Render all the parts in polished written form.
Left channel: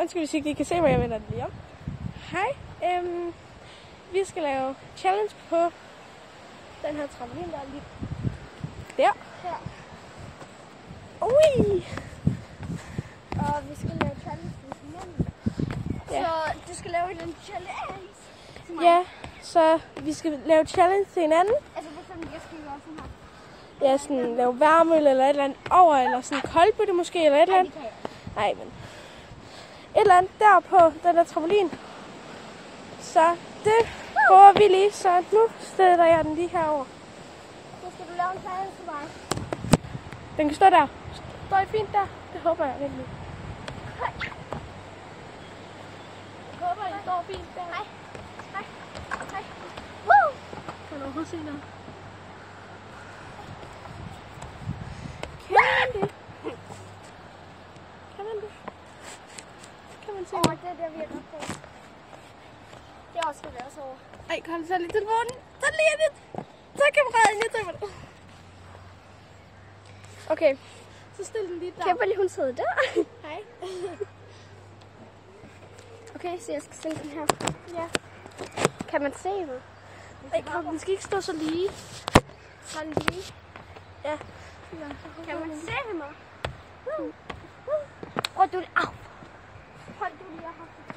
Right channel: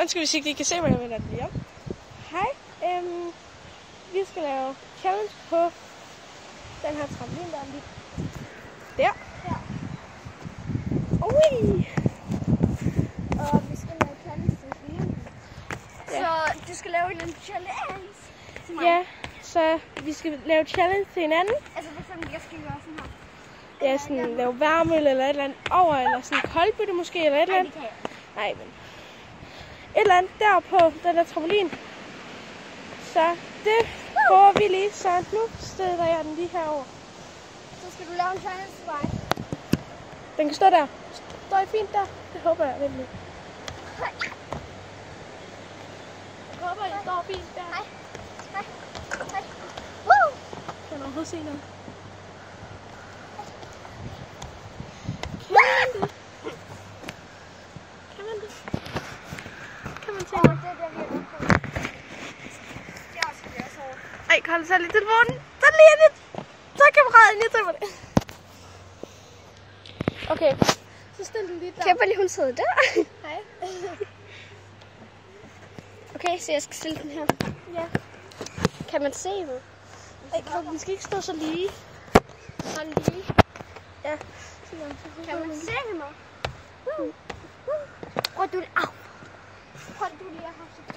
Undskyld, hvis ikke I kan se mig, jeg vender den lige om. Hej. Vi skal lave challenge på den her trampolin, der er lige der. Ja. Ui! Og vi skal lave challenge til hinanden. Ja. Så du skal lave en challenge til mig. Ja, så vi skal lave challenge til hinanden. Altså for eksempel, jeg skal gøre sådan her. Ja, sådan lave varme eller et eller andet over, eller sådan koldbøtte måske, eller et eller andet. Det kan jeg. Nej, men et eller andet der på den der trampolin. Så det prøver vi lige, så nu stiller jeg den lige herover. Så skal du lave en challenge til mig. Den kan stå der. Står I fint der? Det håber jeg lidt. Hej. Jeg håber, I står fint der. Hej. Hej. Hej. Woo! Kan du overhovedet se noget? Kan man det? Kan man se Åh, noget? det er der, vi er nok på. Det er også skal være så over. Ej, kan du tage lidt telefonen? Så lige lidt. Så kan kameraet ind, jeg tager det. Okay, så stil den lige der. Kimberly, hun sidder der. Hej. Okay, så jeg skal stille den her. Ja. Kan man se mig? Ej, den skal ikke stå så lige. Sådan lige. Ja. Kan man se mig? Prøv du lige. Au. Prøv du lige at have så fint.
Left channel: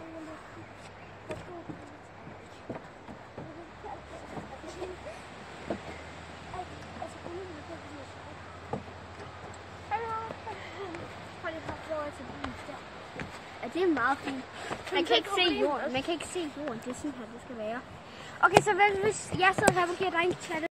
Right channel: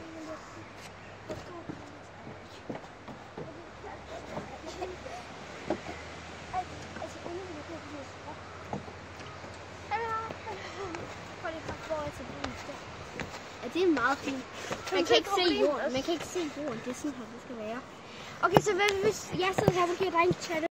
Ja, det er meget fint. Man kan ikke se jorden. Man kan ikke se jorden. Det er sådan her, det skal være. Okay, så hvis jeg sidder her og giver dig en challenge.